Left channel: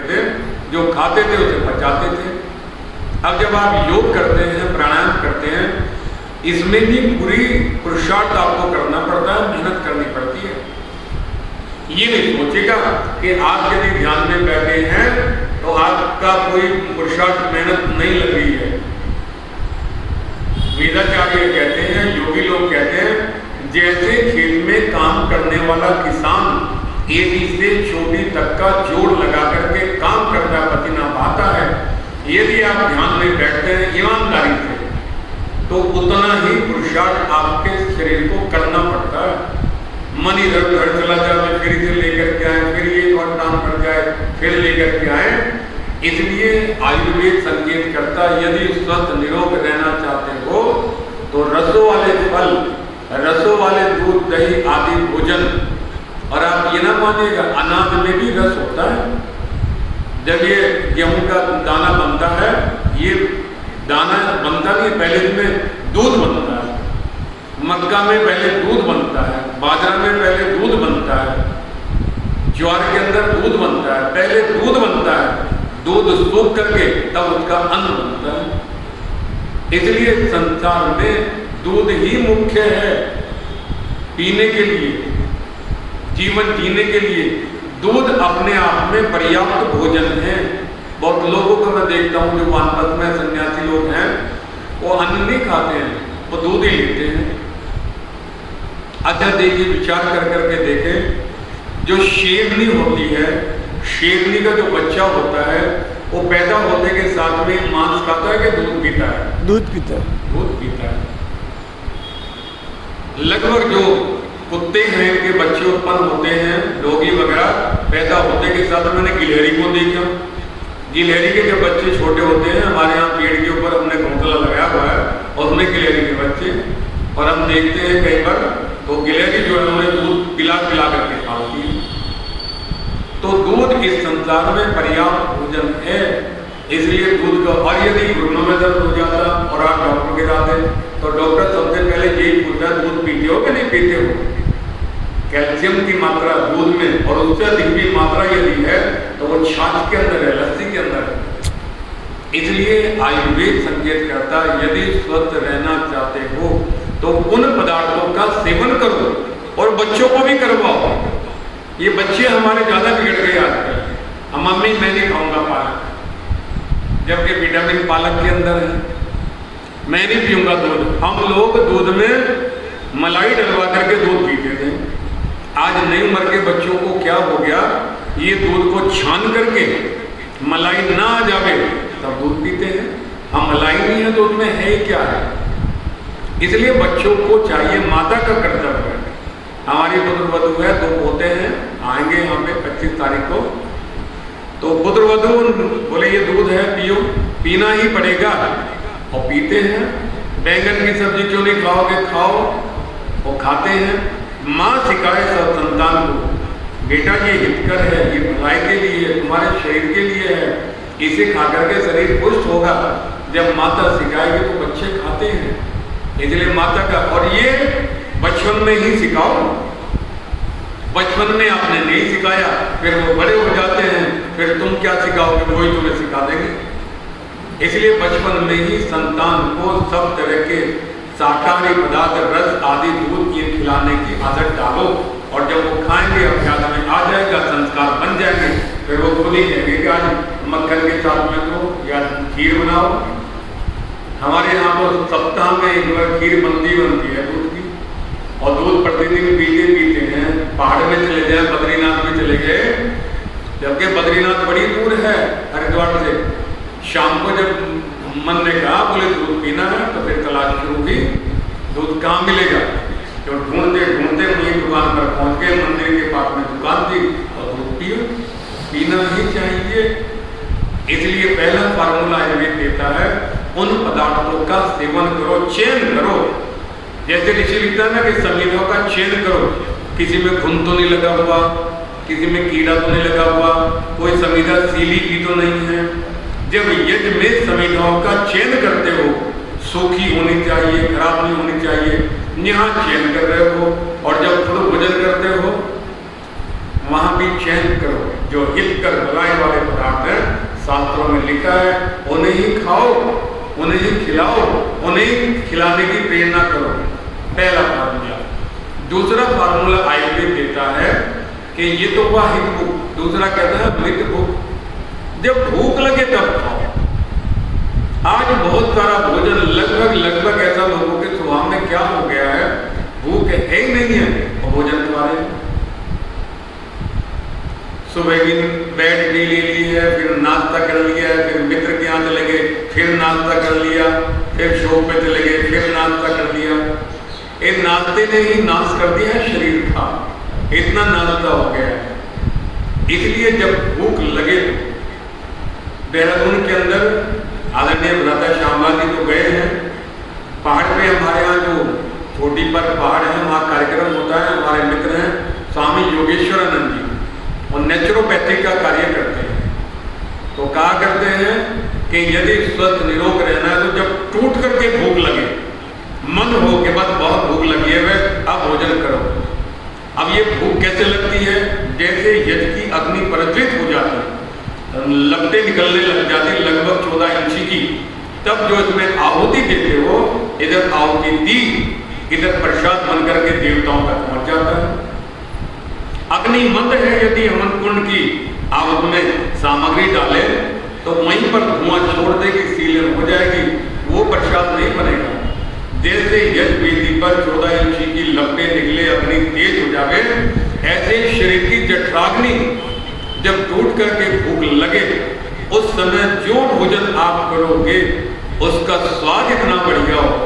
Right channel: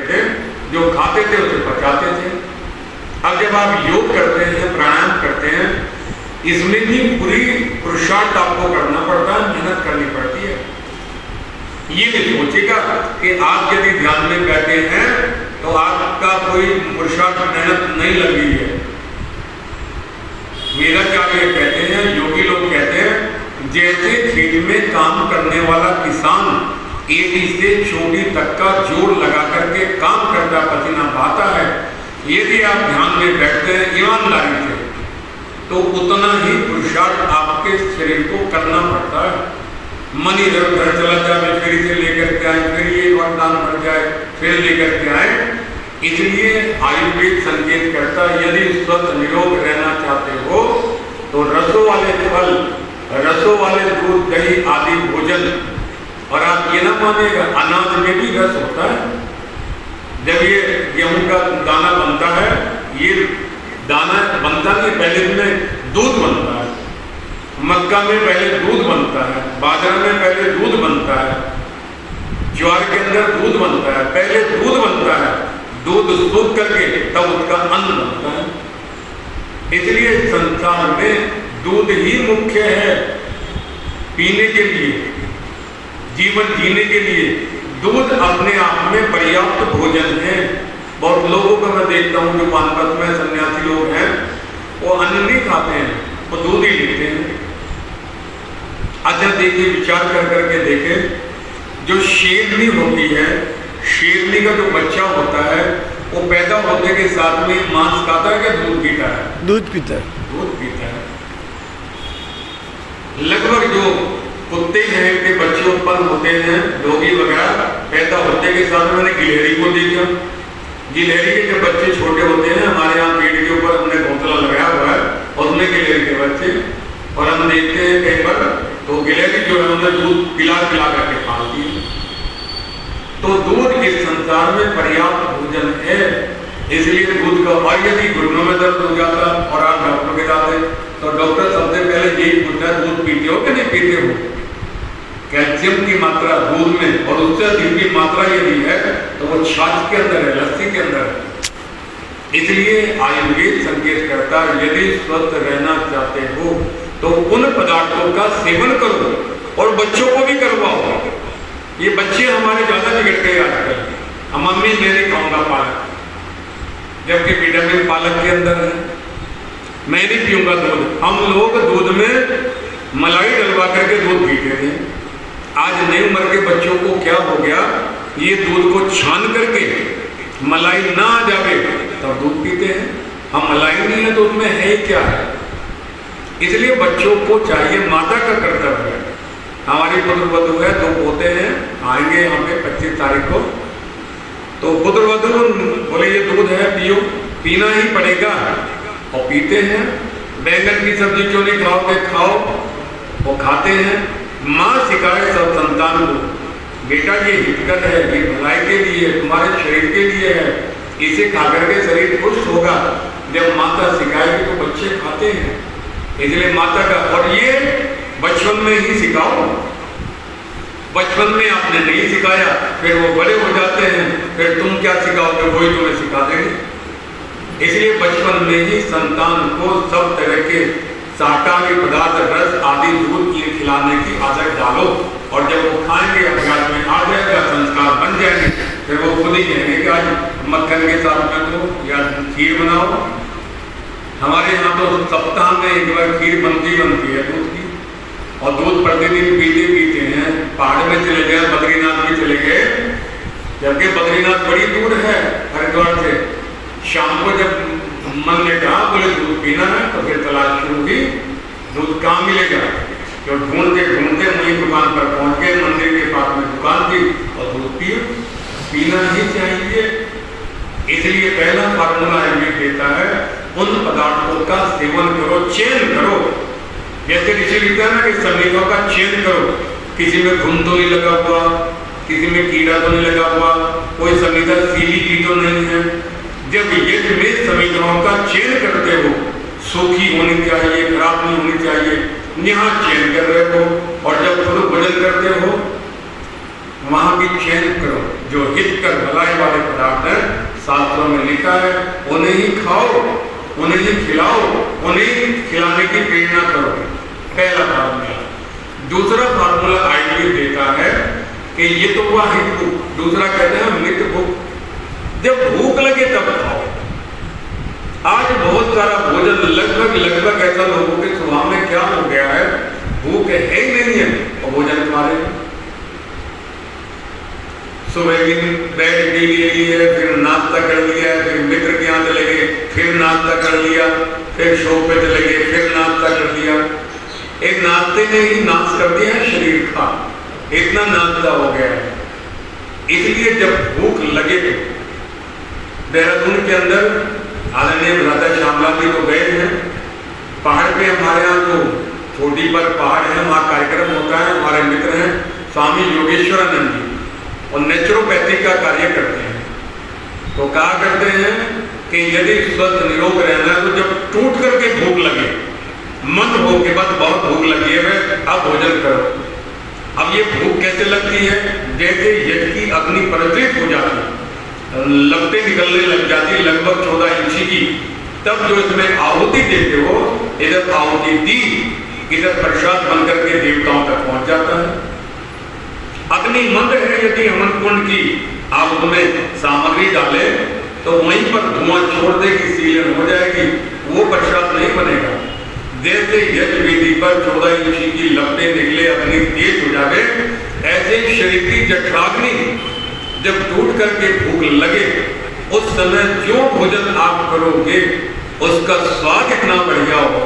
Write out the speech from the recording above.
थे, जो खाते थे उसे पचाते थे। अब जब आप योग करते हैं, प्राणायाम करते हैं, इसमें भी पूरी पुरुषार्थ आपको करना पड़ता है, मेहनत करनी पड़ती है। ये नहीं सोचेगा कि आप यदि ध्यान में बैठे हैं तो आपका कोई पुरुषार्थ मेहनत नहीं लग रही है। वेदाचार्य कहते हैं, योगी लोग कहते हैं, जैसे खेत में काम करने वाला किसान एड़ी से चोटी तक का जोड़ लगा करके काम करता, पसीना बहाता है, यदि आप ध्यान में बैठते हैं ईमानदारी से तो उतना ही पुरुषार्थ आपके शरीर को करना पड़ता है। मन इधर उधर चला जाए, फिर इसे लेकर के आए, फिर ये और दान पड़ जाए, फिर लेकर के आए। इसलिए आयुर्वेद संकेत करता है, यदि स्वस्थ निरोग रहना चाहते हो तो रसों वाले फल, रसों वाले दूध, दही आदि भोजन। और आप ये ना मानिएगा, अनाज में भी रस होता है। जब ये गेहूं का दाना बनता है, ये दाना बनता नहीं, पहले इसमें दूध बनता है। मक्का में पहले दूध बनता है, बाजरा में पहले दूध बनता है, ज्वार के अंदर दूध बनता है, पहले दूध बनता है, दूध सूख करके तब उसका अन्न बनता है। इसलिए संसार में दूध ही मुख्य है पीने के लिए, जीवन जीने के लिए। दूध अपने आप में पर्याप्त भोजन है। बहुत लोगों को मैं देखता हूँ जो वानप्रस्थ में सन्यासी लोग हैं, वो अन्न नहीं खाते हैं, वो दूध ही लेते हैं। अच्छा देखिए, विचार कर करके देखें, जो शेरनी होती है, शेरनी का जो बच्चा होता है, वो पैदा होने के साथ में मांस खाता है कि दूध पीता है? दूध पीता है। दूध पीता है। लगभग जो कुत्ते हैं के बच्चे उत्पन्न होते हैं, डॉगी वगैरह, पैदा होने के साथ में, मैंने गिलहरी को देखा, गिलहरी के जब बच्चे छोटे होते हैं, हमारे यहाँ पेड़ के ऊपर हमने घोंसला लगाया हुआ है, उसमें गिलहरी के बच्चे, और हम देखते हैं कई बार तो गिलहरी जो है उन्हें दूध पिला पिला करके खाती है। तो दूध इस संसार में पर्याप्त भोजन है, इसलिए दूध का। और यदि घुटनों में दर्द हो जाता और आप डॉक्टर के साथ हैं तो डॉक्टर सबसे पहले यही पूछता है, दूध पीते हो कि नहीं पीते हो? कैल्शियम की मात्रा दूध में और उससे अधिक भी मात्रा यदि है तो वो छाछ के अंदर है, लस्सी के अंदर है। इसलिए आयुर्वेद संकेत करता है, यदि स्वस्थ रहना चाहते हो तो उन पदार्थों का सेवन करो और बच्चों को भी करवाओ। ये बच्चे हमारे ज्यादा बिगड़ गए आजकल। हम मम्मी मैं नहीं खाऊंगा पालक, जबकि विटामिन पालक के अंदर है। मैं नहीं पीऊंगा दूध। हम लोग दूध में मलाई डलवा करके दूध पीते थे। आज नई उम्र के बच्चों को क्या हो गया, ये दूध को छान करके मलाई ना आ जावे तब दूध पीते हैं। हम मलाई नहीं है दूध में, है क्या है? इसलिए बच्चों को चाहिए, माता का कर्तव्य है। हमारी पुत्र वधू है, 2 पोते हैं, आएंगे यहाँ पे 25 तारीख को। तो पुत्र वधू बोले ये दूध है, पियो, पीना ही पड़ेगा, और पीते हैं। बैंगन की सब्जी क्यों नहीं खाओगे? खाओ, वो खाते हैं। माँ सिखाए सब संतान को, बेटा ये हितकर है, ये भलाई के लिए, तुम्हारे शरीर के लिए है, इसे खा करके शरीर पुष्ट होगा। जब माता सिखाएगी तो बच्चे खाते हैं। इसलिए माता का, और ये बचपन में ही सिखाओ। बचपन में आपने नहीं सिखाया, फिर वो बड़े हो जाते हैं, फिर तुम क्या सिखाओगे, वही तुम्हें सिखा देंगे। इसलिए बचपन में ही संतान को सब तरह के शाकाहारी पदार्थ, रस आदि, दूध ये खिलाने की आदत डालो, और जब वो खाएंगे अभ्यास में आ जाएगा, संस्कार बन जाएंगे, फिर वो खुद ही कहेंगे कि आज मक्खन के साथ में दो या खीर बनाओ। हमारे यहाँ तो सप्ताह में एक बार खीर बनती है दूध की, और दूध प्रतिदिन पीते हैं। पहाड़ में चले गए, बद्रीनाथ में चले गए, जबकि बद्रीनाथ बड़ी दूर है हरिद्वार से। शाम को जब मन ने कहा, बोले दूध पीना है, तो फिर तलाश शुरू हुई, दूध कहाँ मिलेगा? तो ढूंढते ढूंढते वहीं दुकान पर पहुंच गए, मंदिर के पास में दुकान थी, और दूध पियो, पीना ही चाहिए। इसलिए पहला फार्मूला आयुर्वेद देता है, उन पदार्थों का सेवन करो, चयन करो। जैसे ऋषि लिखता है ना कि समीरों का चयन करो, किसी में घुन तो नहीं लगा हुआ, किसी में कीड़ा तो नहीं लगा हुआ, कोई समीधा सीली की तो नहीं है। जब यज्ञ में समीधाओं का चयन करते हो, सूखी होनी चाहिए, खराब नहीं होनी चाहिए, यहाँ चयन कर रहे हो, और जब खुद भोजन करते हो वहां भी चयन करो। जो हित कर भलाई वाले पदार्थ हैं, शास्त्रों में लिखा है, उन्हें ही खाओ, उन्हें ही खिलाओ, उन्हें ही खिलाने की प्रेरणा करो। पहला फार्मूला। दूसरा फार्मूला आयुर्वेद देता है कि ये तो हुआ हित भूख, दूसरा कहते हैं मित भूख। जब भूख लगे तब खाओ। आज बहुत सारा भोजन लगभग ऐसा लोगों के स्वभाव में क्या हो गया है, भूख है ही नहीं है और भोजन तुम्हारे सुबह की बैठ के ले लिए, फिर नाश्ता कर लिया, फिर मित्र के यहाँ चले गए, फिर नाश्ता कर लिया, फिर शॉप पे चले गए, फिर नाश्ता कर लिया। एक नाश्ते ने ही नाश कर दिया है शरीर का, इतना नाश्ता हो गया है। इसलिए जब भूख लगे तो देहरादून के अंदर आदरणीय राधा श्यामला जी तो गए हैं, पहाड़ पे हमारे यहाँ जो छोटी पर पहाड़ है वहाँ कार्यक्रम होता है। हमारे मित्र हैं स्वामी योगेश्वरानंद जी, और नेचुरोपैथी का कार्य करते हैं। तो कहा करते हैं कि यदि स्वस्थ निरोग रहना है तो जब टूट करके भूख लगे, मन हो कि बस बहुत भूख लगी है वह अब भोजन करो। अब ये भूख कैसे लगती है, जैसे यज्ञ की अग्नि प्रज्वलित हो जाती है, लपटें निकलने लग जाती, लगभग 14 इंची की, तब जो इसमें आहुति देते हो, इधर आहुति दी, इधर प्रसाद बनकर के देवताओं तक पहुंच जाता है। अग्नि मंद है, यदि हवन कुंड की आप उसमें सामग्री डाले तो वहीं पर धुआं छोड़ देगी, सीलन हो जाएगी, वो प्रसाद नहीं बनेगा। जैसे यज्ञ वेदी पर 14 इंची की लपटें निकले, अग्नि तेज हो जाए, ऐसे शरीर की जठराग्नि जब टूट करके भूख लगे, उस समय जो भोजन आप करोगे उसका स्वाद इतना बढ़िया होगा